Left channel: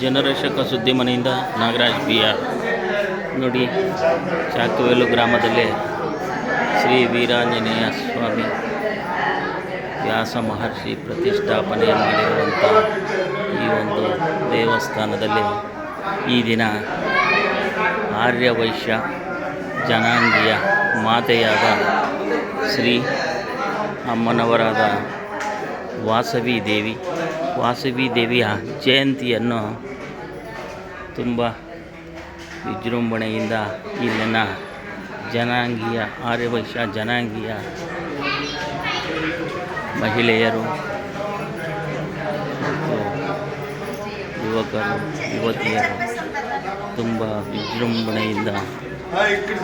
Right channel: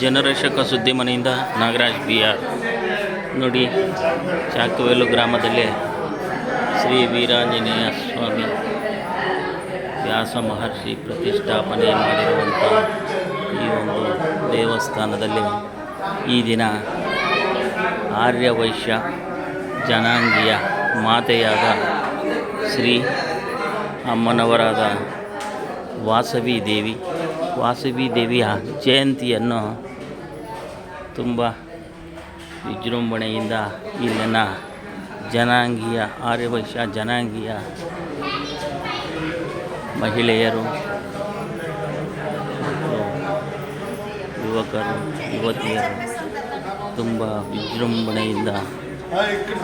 ಜನರಕ್ಷಕ ಸುದ್ದಿ ಮನೆಯಿಂದ ನಾಗರಾಜ್ BR. ನೋಡಿ, ಚಾಕವೇಲು ಗ್ರಾಮದಲ್ಲಿ ಶ್ರೀ ವೀರಾಂಜನೇಯ ಸ್ವಾಮಿ ವ್ಯಾಸ ಮಹರ್ಷಿ ಪ್ರತಿಷ್ಠಾಪನೆ ಮಾಡಿರುವಂಥ ಈ ಒಂದು ದೇವಸ್ಥಾನದಲ್ಲಿ ಈ ದಿನ ಆರ್ಯವೈಶ್ಯ ಜನಾಂಗೀಯ ಮಾತೆಯಾದ ಶ್ರೀ ಅಮ್ಮನವರಾದ ವಾಸವಿ ದೇವಿಯ ಜಯಂತಿಯನ್ನು ತುಂಬ ವಿಜೃಂಭಣೆಯಿಂದ ಇಲ್ಲಿನ ಜನಾಂಗೀಯ ಆರ್ಯವೈಶ್ಯ ಜನಾಂಗೀಯ ಮಹಿಳೆಯರು ಮತ್ತು ಯುವಕರು ಯುವತಿಯರು ತುಂಬ ವಿಜೃಂಭಣೆಯಿಂದ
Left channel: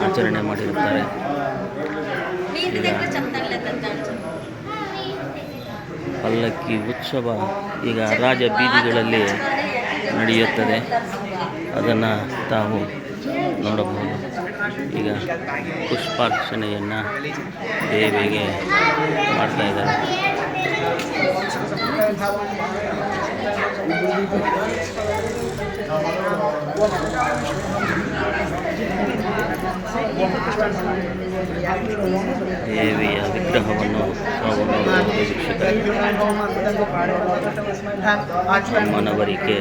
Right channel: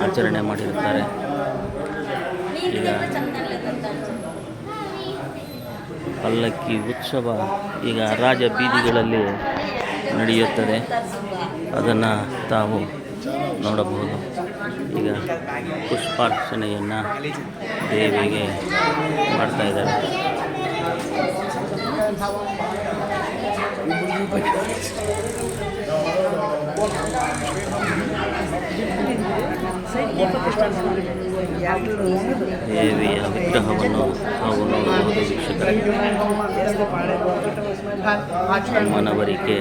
ಆಚರಣೆ ಮಾಡಿರುತ್ತಾರೆ. ಈಗ ಪಲ್ಲಕ್ಕಿ ಉತ್ಸವ ಈಗ ರಾಜ ಬೀದಿಗಳಲ್ಲಿ ನಡೆಯುತ್ತದೆ, ಅದನ್ನು ತಾವು ನೋಡಬಹುದು. ಈಗ ಪುಷ್ಪಾರ್ಚನೆಯನ್ನು ದೇವಿಗೆ ಮಾಡ್ತಾ ಇದ್ದಾರೆ. ದೇವಿಯ ವಿಗ್ರಹವನ್ನು ತಾವು ನೋಡಬಹುದು ವೀಕ್ಷಕರೇ. ಅಮ್ಮನವರಿಗೆ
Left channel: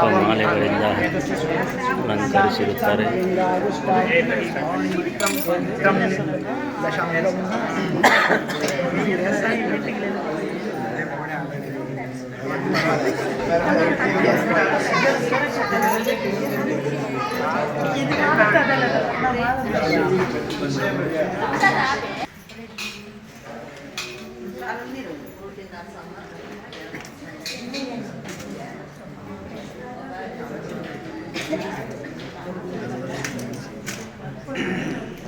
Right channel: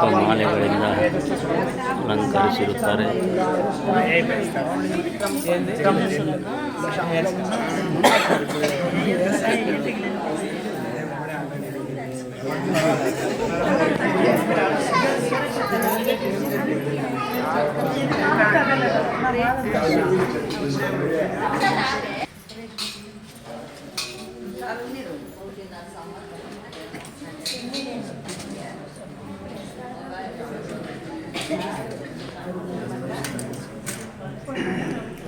ಪುಷ್ಪಮಾಲೆಗಳಿಂದ ಅಲಂಕರಿಸಿರುತ್ತಾರೆ.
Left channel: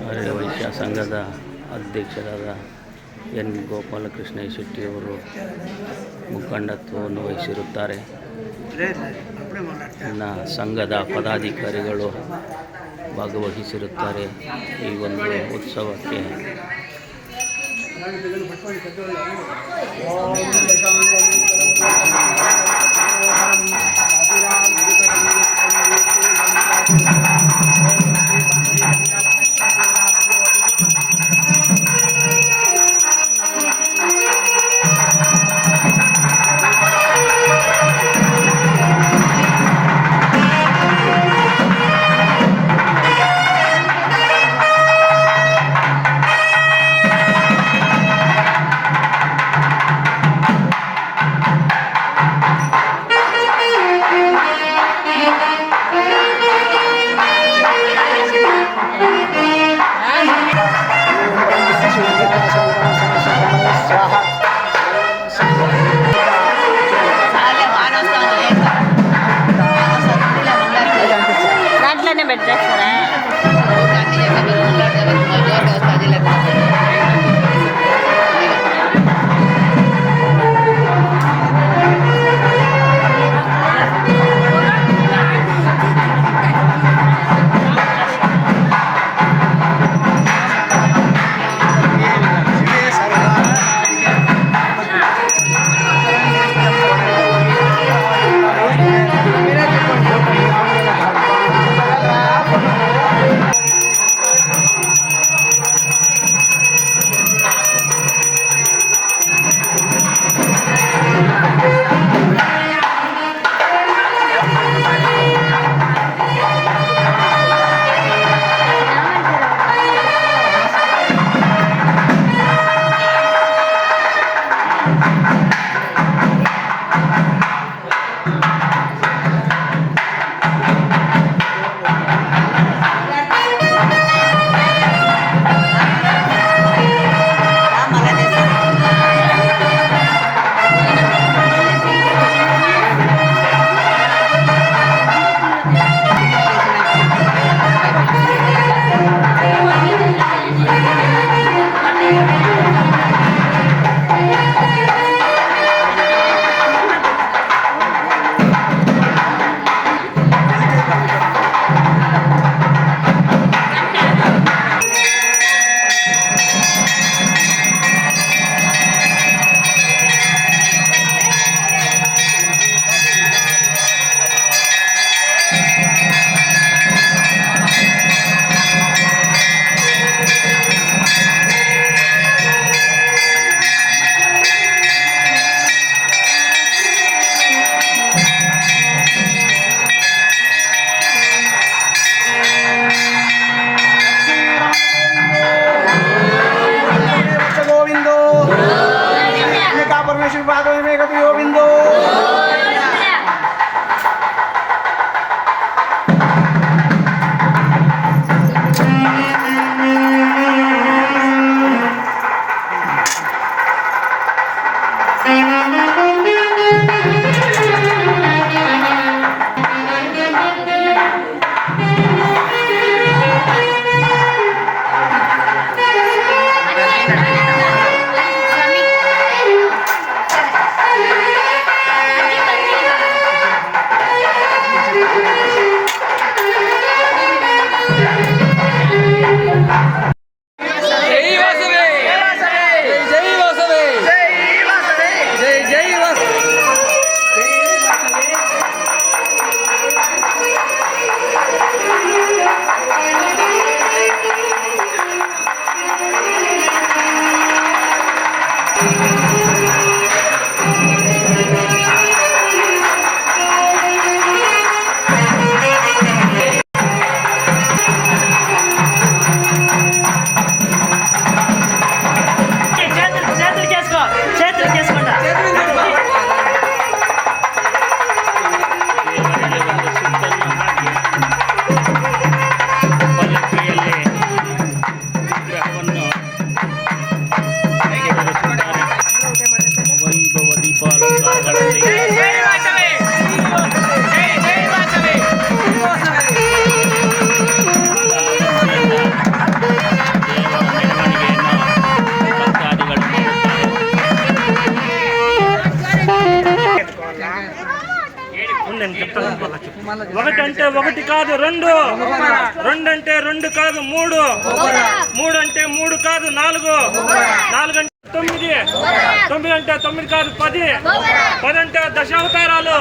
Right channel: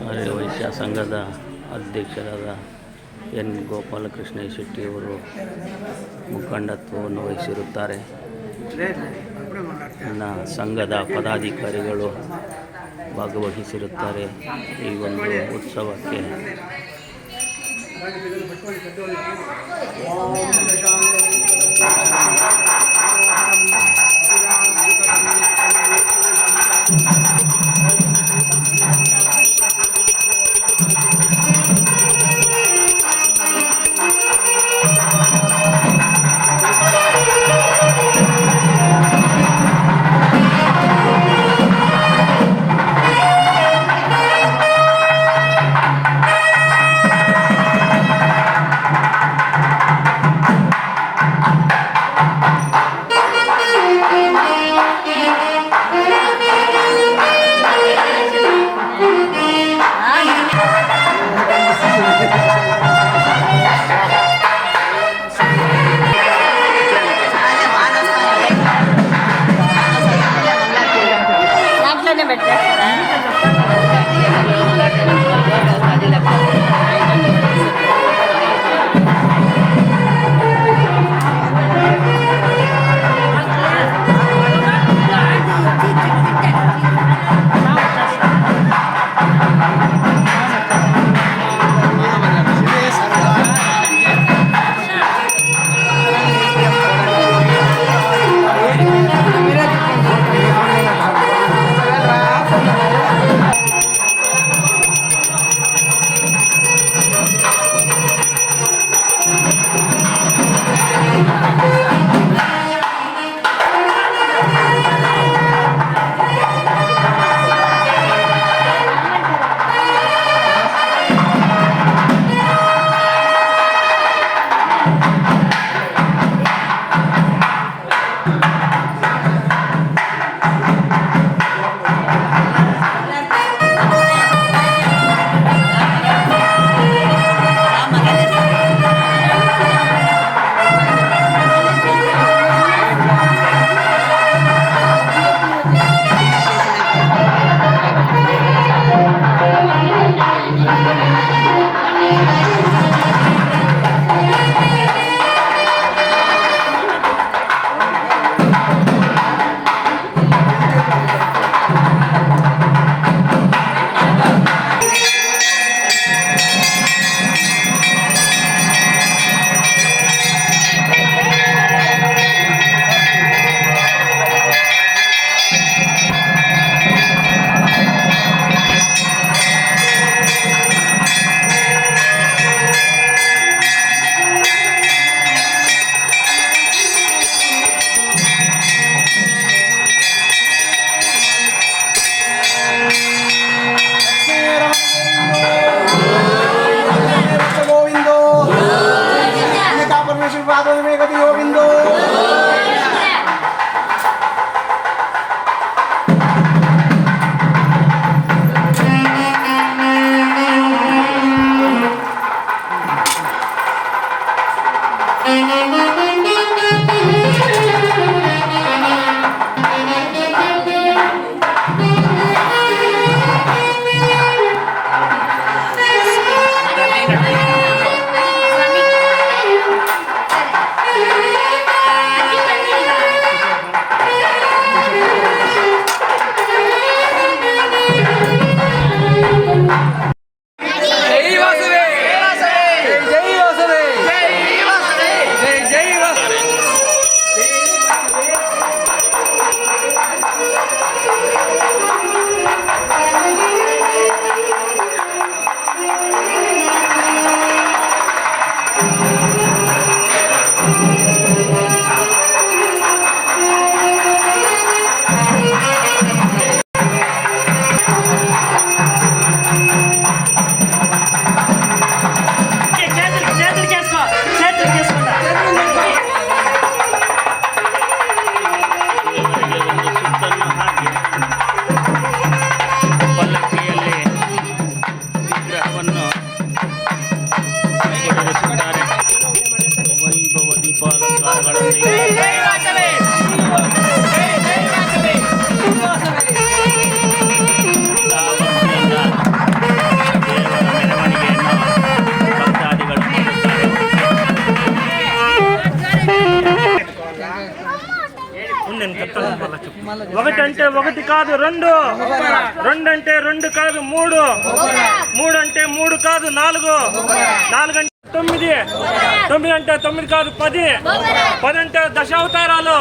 ಆರ್ಯವೈಶ್ಯ ಸಂಘದ ಅಧ್ಯಕ್ಷರಾದ ಎನ್ ಗೋಪಾಲಕೃಷ್ಣ ಶೆಟ್ಟಿಯವರು ಮುಖಂಡತ್ವವನ್ನು ವಹಿಸಿರುತ್ತಾರೆ. ಇನ್ನು ಸಂಘದ ಪದಾಧಿಕಾರಿಗಳು ಭಾಗವಹಿಸಿರುತ್ತಾರೆ ಈ ಒಂದು ಉತ್ಸವಕ್ಕೆ. ఒకటి అంటే ఒకటి కాదు రెండు, రెండు అంటే రెండు కాదు మూడు, మూడు అంటే మూడు కాదు నాలుగు, నాలుగు అంటే తొమ్మిది, తొమ్మిది అంటే తొమ్మిది కాదు పది, పది అంటే దశావతారాలు,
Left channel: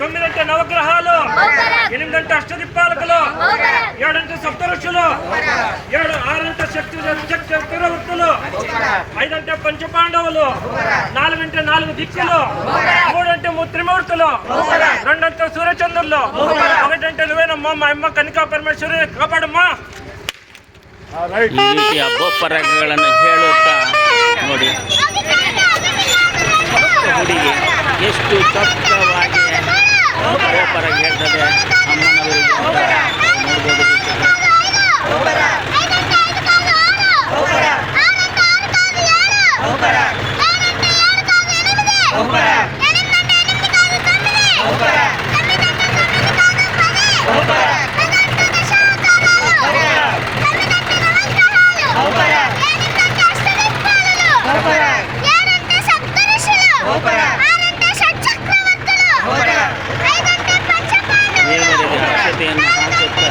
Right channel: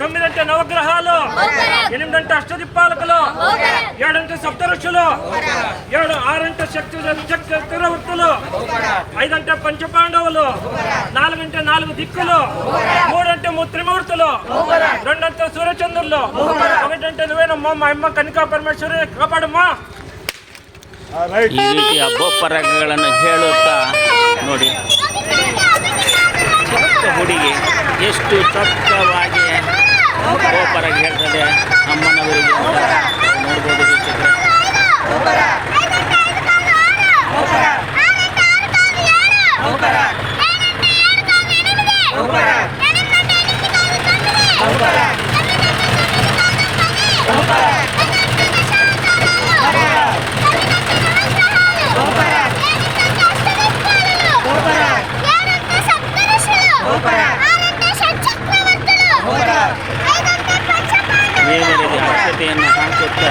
తొమ్మిది అంటే నవగ్రహాలు, ఎనిమిది అంటే అష్టదిక్పాలకులు, ఏడంటే సప్తఋషులు, ఆరంటే చక్రవర్తులు, ఐదంటే పంచపాండవులు, నాలుగంటే నాలుగు దిక్కులు, మూడంటే త్రిమూర్తులు, రెండంటే సూర్యచంద్రులు, ఒకటంటే నువ్వేనమ్మా మా అమ్మ కనికా ಪರಮೇಶ್ವರಿ ಕಾಪಾಡಮ್ಮ. ಈ ರೀತಿ ಬೋಪರಗಳನ್ನು ಹೇಳುತ್ತಾ ನೋಡಿ ಹುಡುಗಿ ಎಷ್ಟು ಚೊಕ್ಕವಾಗಿ ಬೋಪರಾಗ ಹೇಳ್ತದೆ ಅಮ್ಮನವರಿಗೆ ಅಂತ ನೋಡ್ಬೋದು ವೀಕ್ಷಕರೇ. ದೇವರಿಗೆ ಅಕ್ಷತೆಯನ್ನು ಹಾಕುತ್ತಾ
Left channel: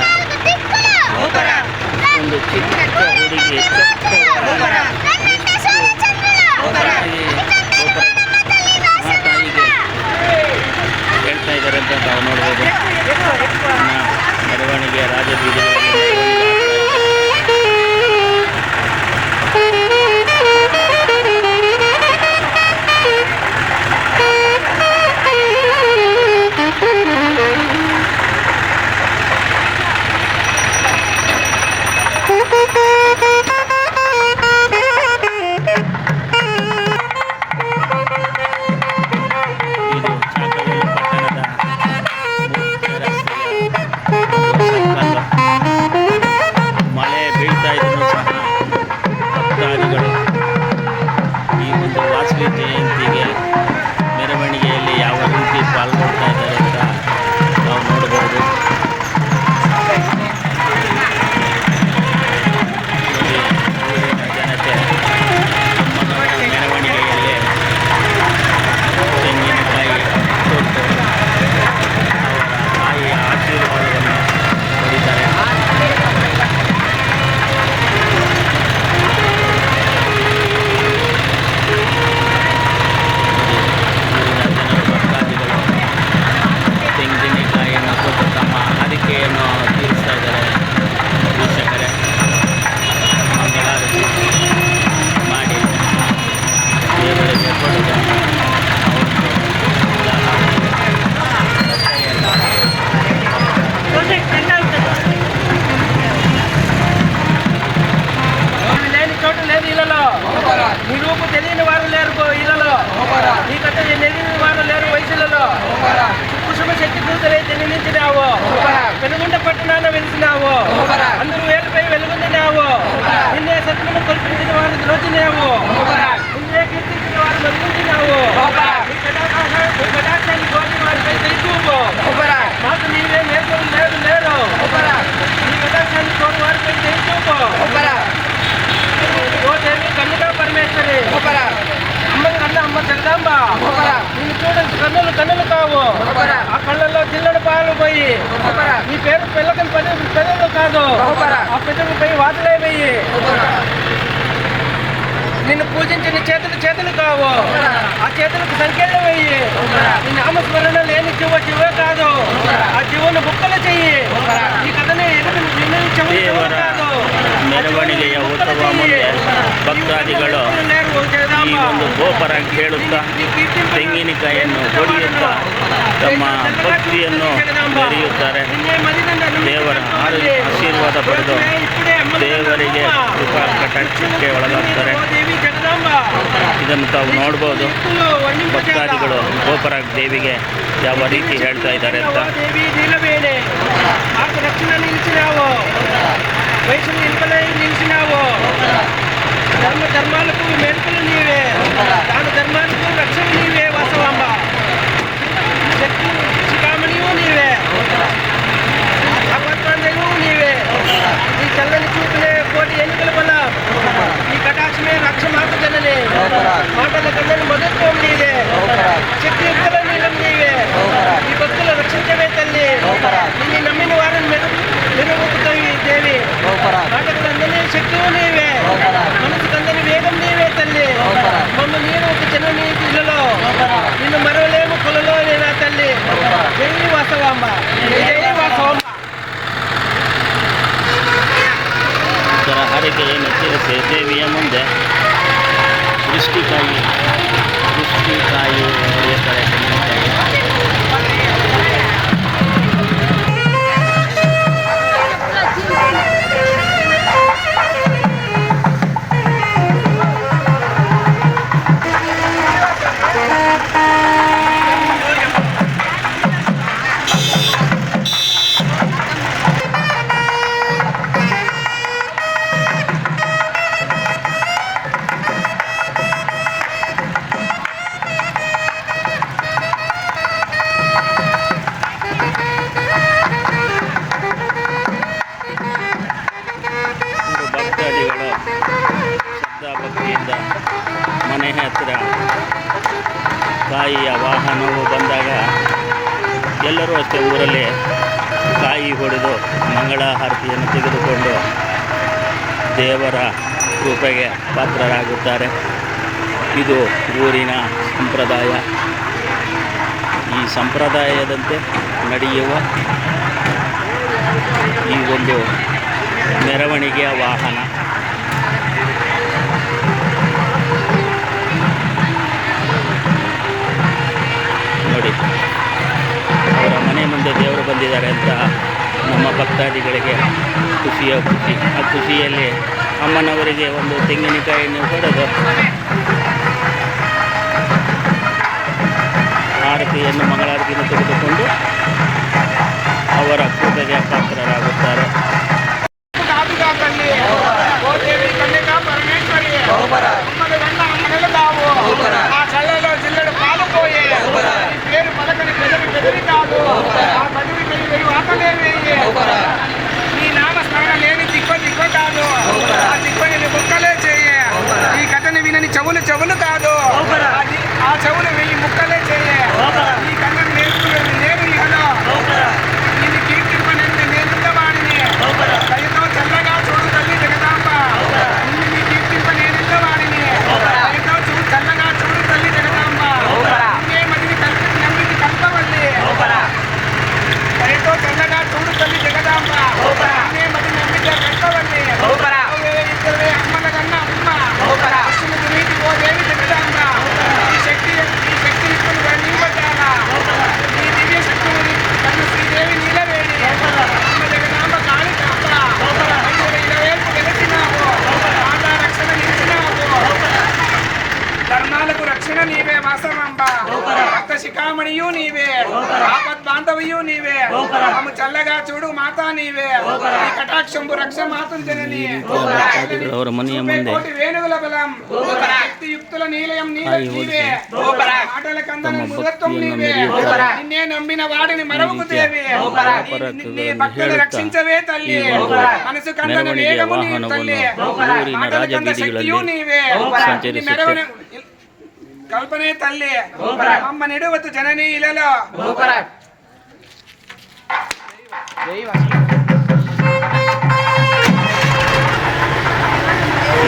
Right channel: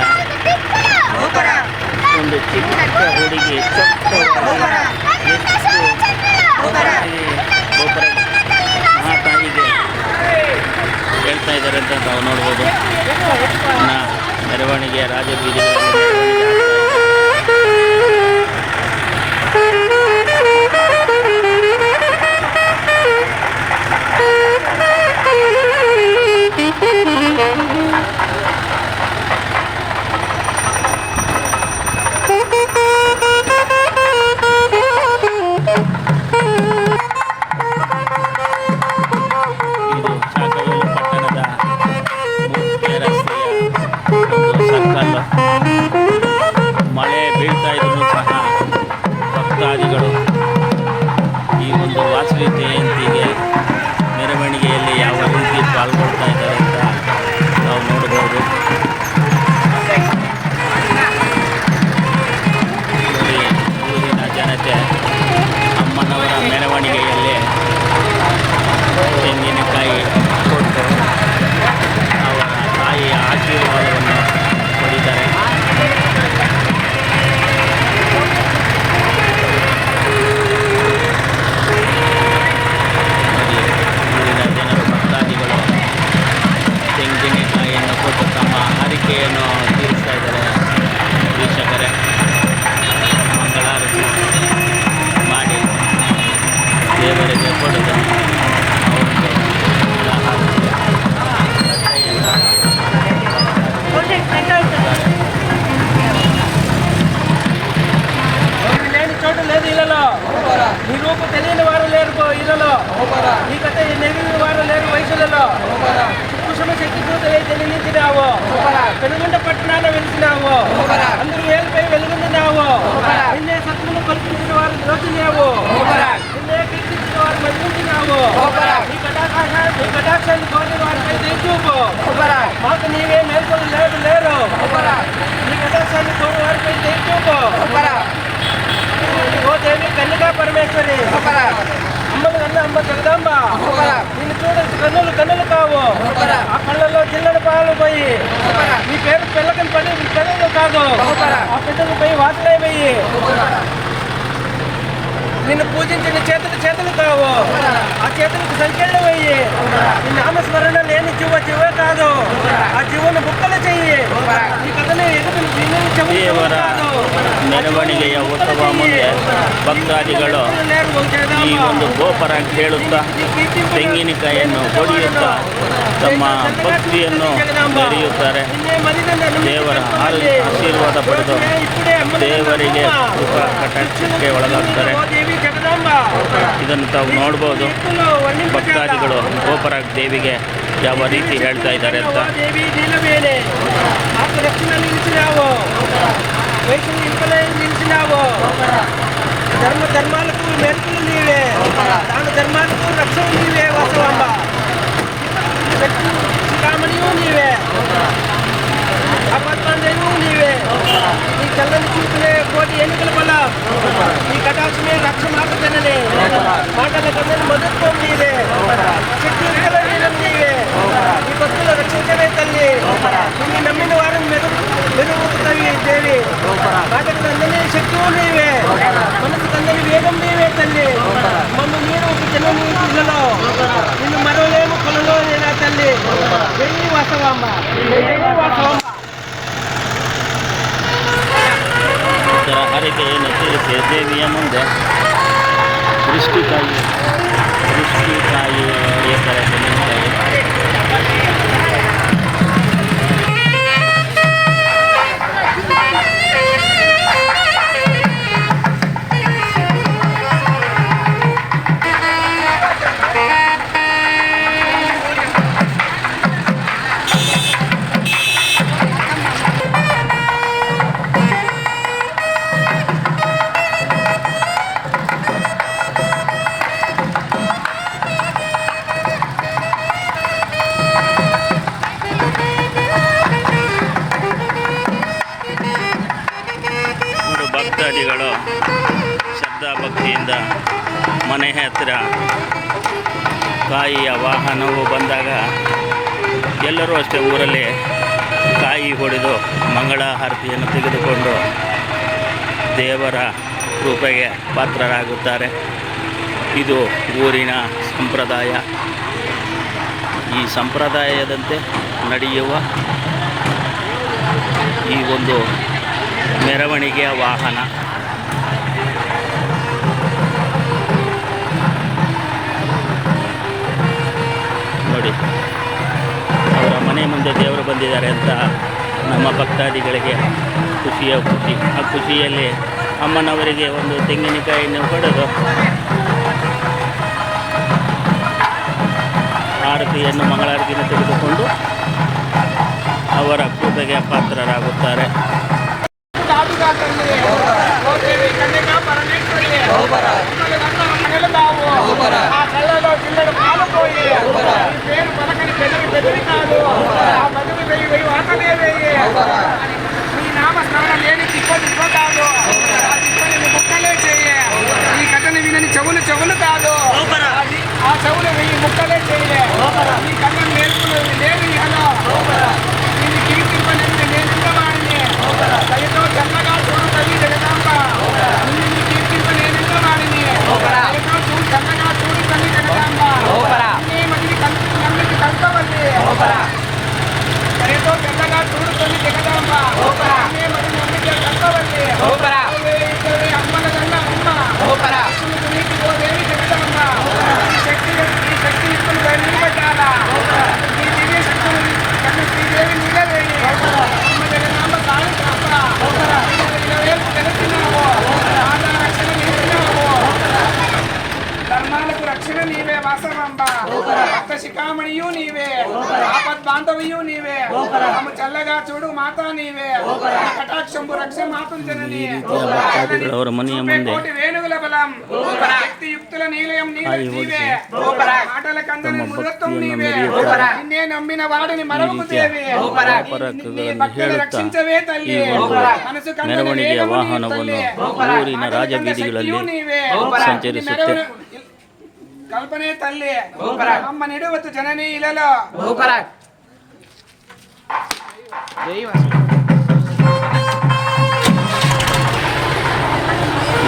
ಒಂದು ಚಿಕ್ಕ ಹುಡುಗಿ ಚೊಕ್ಕವಾಗಿ ತಾಯಿಗೆ ಹೇಳ್ತಾ ಇದ್ದಾರೆ ಅಂತ ನಾವು ನೋಡ್ಬೋದು. ಮೆರವಣಿಗೆ ರಾಜಬೀದಿಗಳಲ್ಲಿ ಮೆರವಣಿಗೆ ಇದು ಚಾಕವೇಲು ಪಟ್ಟಣದ ಮುಖ್ಯ ರಸ್ತೆಯ ಒಂದು ಸರ್ಕಲ್ಲು. ಮಳೆ ಬೀಳ್ತಾ ಇದ್ರೂ ಸಹ ಭಕ್ತಾದಿಗಳು ಈ ಒಂದು ವಾಸವಿ ಜಯಂತಿಗೆ ಮೆರವಣಿಗೆಯಲ್ಲಿ ಯಾವ ರೀತಿ ಪಾಲ್ಗೊಳ್ತಾ ಇದ್ದಾರೆ ಅಂತ ನಾವು ನೋಡ್ಬೋದು. ನೋಡಿ, ಊರಿನ ಜನತೆ ಅಮ್ಮನವರ ಮೆರವಣಿಗೆಯಲ್ಲಿ ತೆಂಗಿನಕಾಯಿ ಕೊಟ್ಟು ಅವರ ತಾಯಿಯ ಆಶೀರ್ವಾದವನ್ನು ಪಡೀತಾರೆ. ನೋಡಿ, ಊರಿನ ಜನರು ಭಕ್ತಾದಿಗಳು ತೆಂಗಿನಕಾಯಿಯನ್ನು ಕೊಟ್ಟು ತಮ್ಮ ಹರಿಕೆಯನ್ನು ತೀರಿಸ್ತಾ ಇದ್ದಾರೆ ವೀಕ್ಷಕರೇ. ಮಂಗಳಾರತಿ ಮಾಡಿ ದೇವರಿಗೆ ಕೊಡೋದು ಅವರದ್ದು ಉದಾಹರಣೆ లేని చోటు లేదు ఇళ్ళలో, నీ రూపు తెలియని వారు లేరు ఇళ్ళలో, నీ కథ తెలియని వారు లేరు వయసులలో. కుసుమ శక్తి దూతలైతే నిలిచినావు, పెనుగొండ పట్టణాన వెలిసినావు, అందరూ వేలుపై వెలుగొందినావు. నిన్నే సత్యమును కల్పించిన వారు ద్రోచినావు, నిన్నే కీర్తించిన వారు మదిలించినావు. నీ కటాక్షాన్ని కోరిన వారిపై దయచూపు, మాకు నీవే నేర్పలు లేదు లేరు. నీ కటాక్షాన్ని కోరిన వారిపై దయచూపు. ఓ దేవి కన్యకా పరమేశ్వరి, అమ్మ జగదాంబ, నేను చూడండి కన్నులు కన్నులు కావు, ఆ కళ్ళల్లో చిల్లడి పాలు పోయి నీ పేరు పిల్లకని పెద్దలు కాదు, ఆ పెద్దలు పోయి వాతలే పోయి నిన్ను పూజించిన చేతులు కావు, ఆ చేతులకు సంఖ్యలు వెయ్యి. నీ నామస్మరణ లేని జీవే కాదు, ఆ జీవను బుక్కలు చెయ్యి. ఈ కథని ದೇವರ ಮೆರವಣಿಗೆಯ ಉತ್ಸವ ಮುಂದೆ ಭಕ್ತಾದಿಗಳು ಈ ಒಂದು ಗೋಪುರ ಕೇಳುತ್ತಾ ತೆಂಗಿನಕಾಯಿಯನ್ನು ಹೊಡೆಯುತ್ತಾ ತಮ್ಮ ಭಕ್ತಿಯನ್ನು ಮೆರೆಯುತ್ತಾರೆ. ದೇವರ ಆಶೀರ್ವಾದ ಪಡೆದು ದೇವರಿಗೆ ಕೃಪಾ ಕಟಾಕ್ಷಕ್ಕೆ ಒಳಗಾಗ್ತಾರೆ. ಇದನ್ನು ತಾವು ನೋಡ್ಬೋದು. ಭಕ್ತಾದಿಗಳು ಗೋಪುರ ದೇವಿಗೆ ಯಾವ ರೀತಿ ಹೇಳ್ತಾ ಇದ್ದಾರೆ ಅಂತ. వయసులు ఇంపలై నిలిచినావు, ధర్మాలకు మెరుపులు నీవే, దాన ధర్మాలకు రక్షణ నీవే. వాసవాంబ శక్తి శిఖామణియు నీవే, అపత్మాండవు నీవే. నీ చల్లని చూపులే కోటి ఎన్నికల వల్ల, నీ కటాక్షమే రక్ష మాకు జననే. మాటల కన్నని మధుత్వం నీవే, శక్తియుక్తల నీలం నీవే. నీకు మెరుగుతాయి దేవి. మాటకు అందని శక్తివు నీవే, మనసుకు అందని వేగం నీవే తల్లి. మమ్మల్ని నేను ఒక జనని ఇళ్ళలో నిన్ను మరవలేము కొలలో నేనా తల్లి. జై వాసవాంబ, జై వాసవాంబ. ಇದರ ಹರಕೆಯನ್ನು ತೀರಿಸಿ ದೇವಿಯ ಮುಂದೆ ದೃಷ್ಟಿಕಾಯಿ ಹೊಡೆಯುತ್ತಾರೆ. ತೆಂಗಿನಕಾಯಿ ಭಕ್ತಾದಿಗಳು ಶ್ರದ್ಧಾ ಭಕ್ತಿಯಿಂದ ಮನೆ ಹತ್ತಿರ ಕಾಯಿಯ ವಾಹನವು ಬಂದಾಗ ಎಲ್ಲರೂ ಅಷ್ಟೇ ಊರಲ್ಲಿ ಕಾಯಿ ಹೊಡೆದು ಮಂಗಳ ಆರತಿಯನ್ನು ತೆಗೆದುಕೊಂಡು ದೇವರ ಕೃಪೆಗೆ ಪಾತ್ರರಾಗುತ್ತಾರೆ. ಇದು ಊರಿನ ಸಂಪ್ರದಾಯ. ಈ ಸಂಪ್ರದಾಯದಂತೆ ನಡೆಯುವ ಈ ಒಂದು ಮೆರವಣಿಗೆಯ ವಾಹನ ನೋಡಿ, ಅವರ ಮನೆ ಮುಂದೆ ದೇವರು ಬಂದಿದ್ದಾರೆ ಅಂತ ನಮ್ಮ ಭಕ್ತಾದಿಗಳಿಗೆ ಖುಷಿಯ ಖುಷಿ. ಆ ಖುಷಿಯಲ್ಲಿ ಅಮ್ಮನವರಿಗೆ ಒಂದು ತೆಂಗಿನಕಾಯಿಯನ್ನು ಹೊಡೆದು ಆರತಿಯನ್ನು ಮಂಗಳಾರತಿಯನ್ನು ತೆಗೆದುಕೊಂಡು ಅವರ ಕೃಪೆಗೆ ಪಾತ್ರರಾಗುತ್ತಾರೆ. కాదుగా తల్లి ఓ దేవి కన్యకా పరమేశ్వరి అమ్మల కన్నా అమ్మలు కావు. ఆ చల్లలో జిల్లడు పాలు పోయి ఈ పేరు పలకని బెదిరి కాదు. ఆ కదిరి వెయ్యి వాతలే వేయి. నీ నామస్మరణ లేని దిక్కు కాదు. ఆ దిక్కుని ముక్కలే చేయి. ఈ కథని వినని చెవులు కాదు. ఆ చెవులు వెయ్యి ముక్కలే చేయి. ఈ కన్నం నేర్చుకునేది లేదు ఇహలో. దీన్ని కీర్తింపనేది నేనుండవాడిని. దయతో చల్లగా చూడు తల్లి జగదాంబ. నిన్ను కీర్తింప నేనుండ వాడిని. దయతో చల్లగా చూడు తల్లి జగదాంబ. నిన్నే మదిని నమ్మికి కల్పవల్లి. దయతో చల్లగా చూడు తల్లి జగదాంబ. నిన్నే మదిని నమ్మికి కల్పవల్లి. ఇద్దరు అమ్మల కన్నా అమ్మ నీటి ఓ దేవి జగదాంబ. ఈ శక్తి ఇస్తున్న నిలబడ్డాలా. ఈ దివ్య శక్తులు కన్ను శ్రీదేవి నీలవేణి. అమ్మ జగదాంబ కాళి కాంబ. ఇలవేల్పు వెలిసినావు. ఆదా రక్షణ నిలిచినావు. ధర్మాలకు రక్షణ నీవే వాసవాంబ. భక్త శిఖామణియు నీవే. ఆపద్ బాంధవియు నీవే. ఆమె చల్లగా చూడు మాతా నీవే. ఈ కటాక్షంబు రక్ష మాతులు జనని. ಅವರ ಮನೆಯ ಮುಂದೆ ವೇಣುಗಳ ಬಲಂ ಯುಕ್తుల నీలయం నీవే. మాటల కందన మృగత్వం నీవే. నిన్నే నమ్మిన వాడిని మరవకు దేవి. భక్తులు రక్షించవే తల్లి. మనసు కందన వేగము తల్లి. ಊರಿನ ರಾಜಬೀದಿಗಳಲ್ಲಿ ಸಂಚರಿಸುತ್ತೆ. ಕಲ್ಪನೆ ತಲ್ಲಿ ಅಮ್ಮ ನೆಡುವತ್ತು ಜನನಿ ಇಲ್ಲೋ.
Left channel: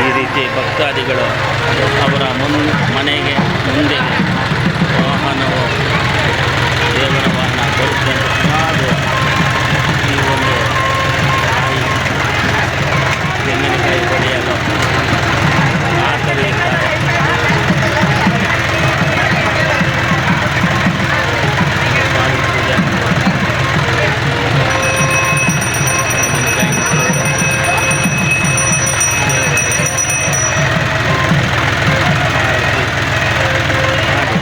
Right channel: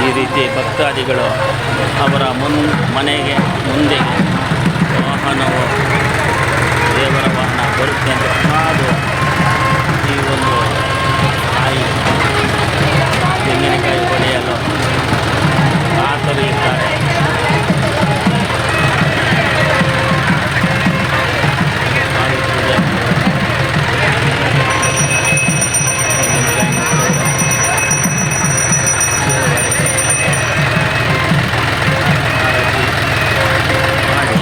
ಈ ರೀತಿ ಭಕ್ತಾದಿಗಳು ಅವರ ಮನೆಗೆ ಮುಂದೆಗೆ ವಾಹನವು ದೇವರ ವಾಹನ ಬರುತ್ತೆ ಅಂತ ಕಾದು ಈ ಒಂದು ತೆಂಗಿನಕಾಯಿ ಹೊಡೆಯಲು ಕಾತರಿಯುತ್ತಾರೆ. ಪೂಜೆ ಮಾಡಿ ತೆಂಗಿನಕಾಯಿನ ಕೊಡೋರು ದೇವರಿಗೆ ಆರತಿ ಮಾಡಿ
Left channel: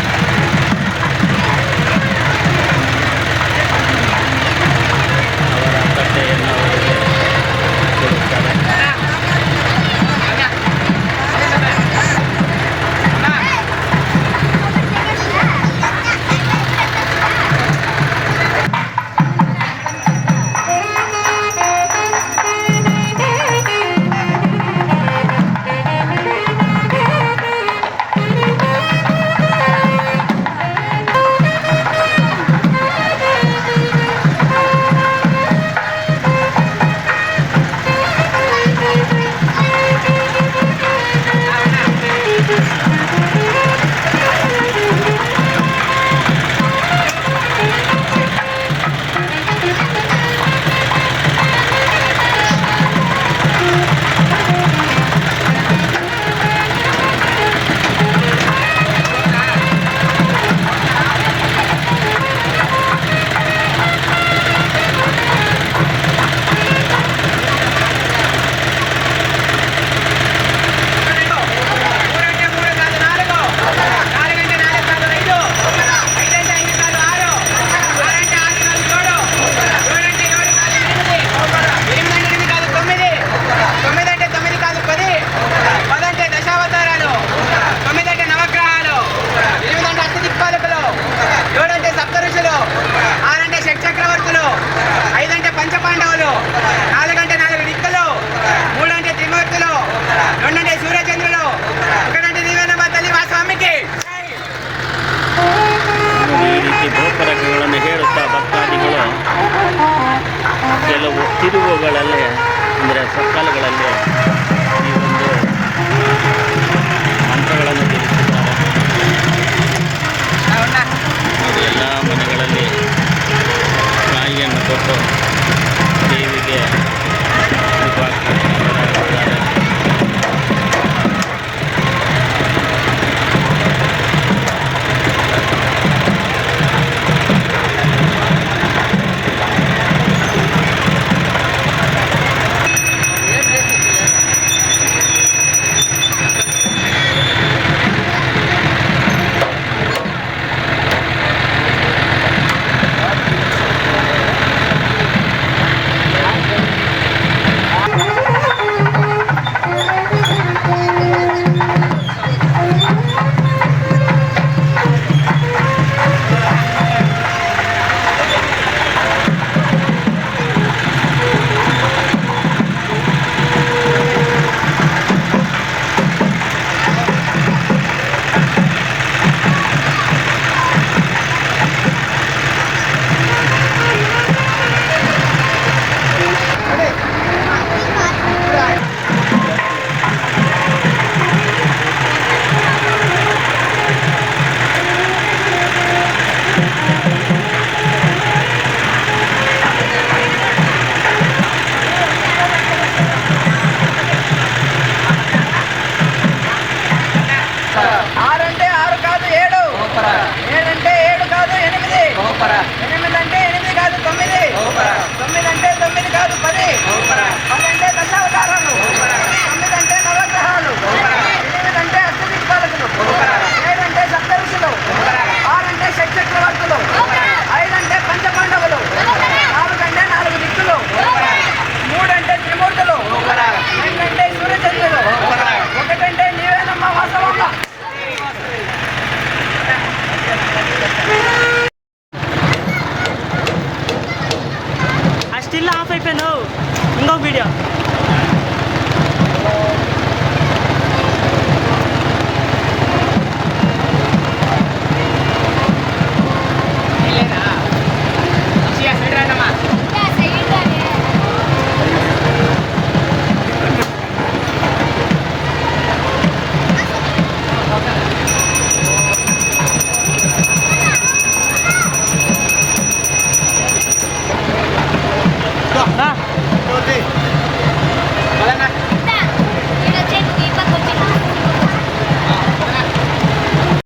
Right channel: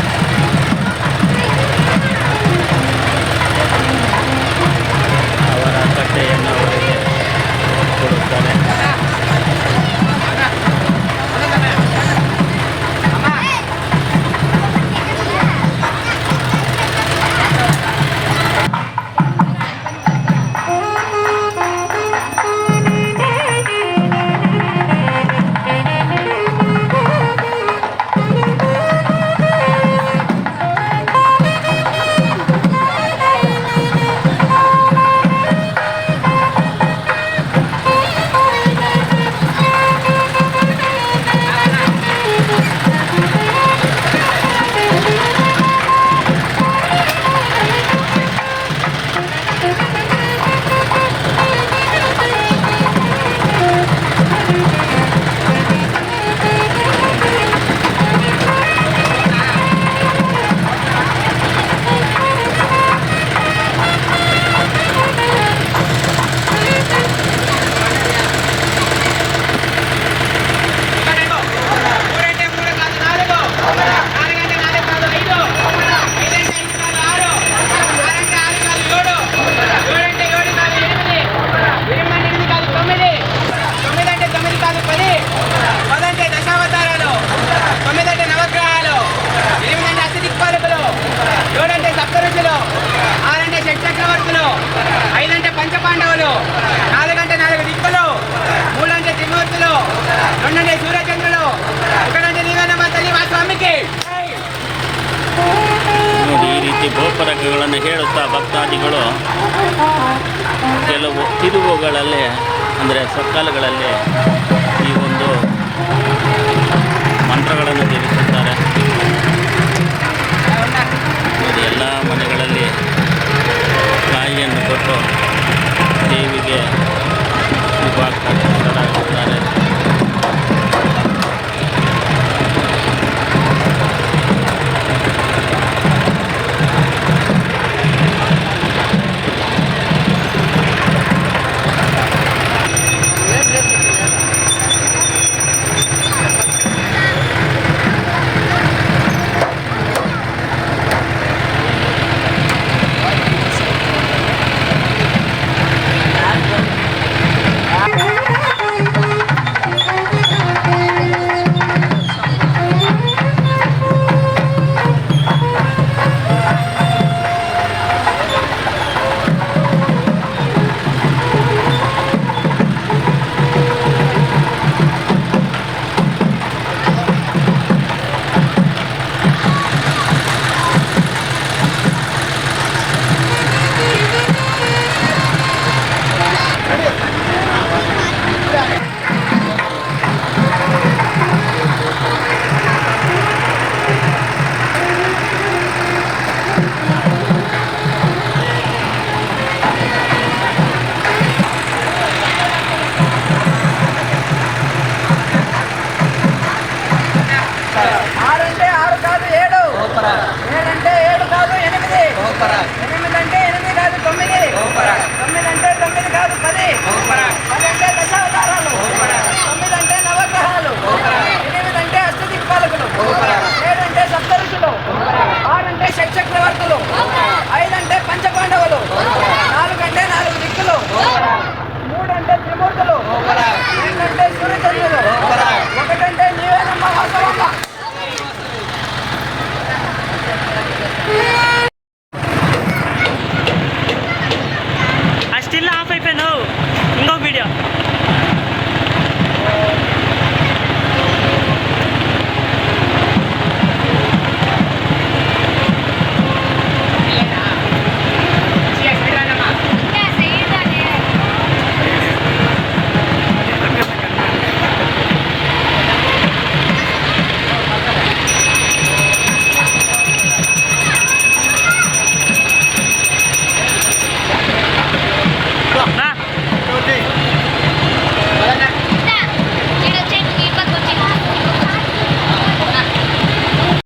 5 అంటే పంచపాండవులు, 4 అంటే 4 దిక్కులు, 3 అంటే త్రిమూర్తులు, 2 అంటే సూర్యచంద్రులు, 1 అంటే నీవేనమ్మ తల్లి మా ಸ್ವಾಮಿಗೆ. ನೋಡಿ, ಈ ರೀತಿ ಗೋಪುರಗಳನ್ನು ಹೇಳುತ್ತಾ ಭಕ್ತಾದಿಗಳು ಕೆಲವು ತಿರುವುಗಳಲ್ಲಿ ಅಂದರೆ ಸಕ್ಕಲುಗಳಲ್ಲಿ ಈ ಒಂದು ಮಂತ್ರಗಳನ್ನು ಜಪಿಸುತ್ತಾರೆ. ನೋಡಿ, ಎಲ್ಲ ಮನೆಗಳಲ್ಲಿ ಕಾಯಿಯನ್ನು ಕೊಟ್ಟು ದೇವಿಗೆ ಶುಭಾಕಾಂಕ್ಷರಾಗುತ್ತಾರೆ. స్టిల్ ఆఫ్ అయిపోయాను ఇంకో వీడియో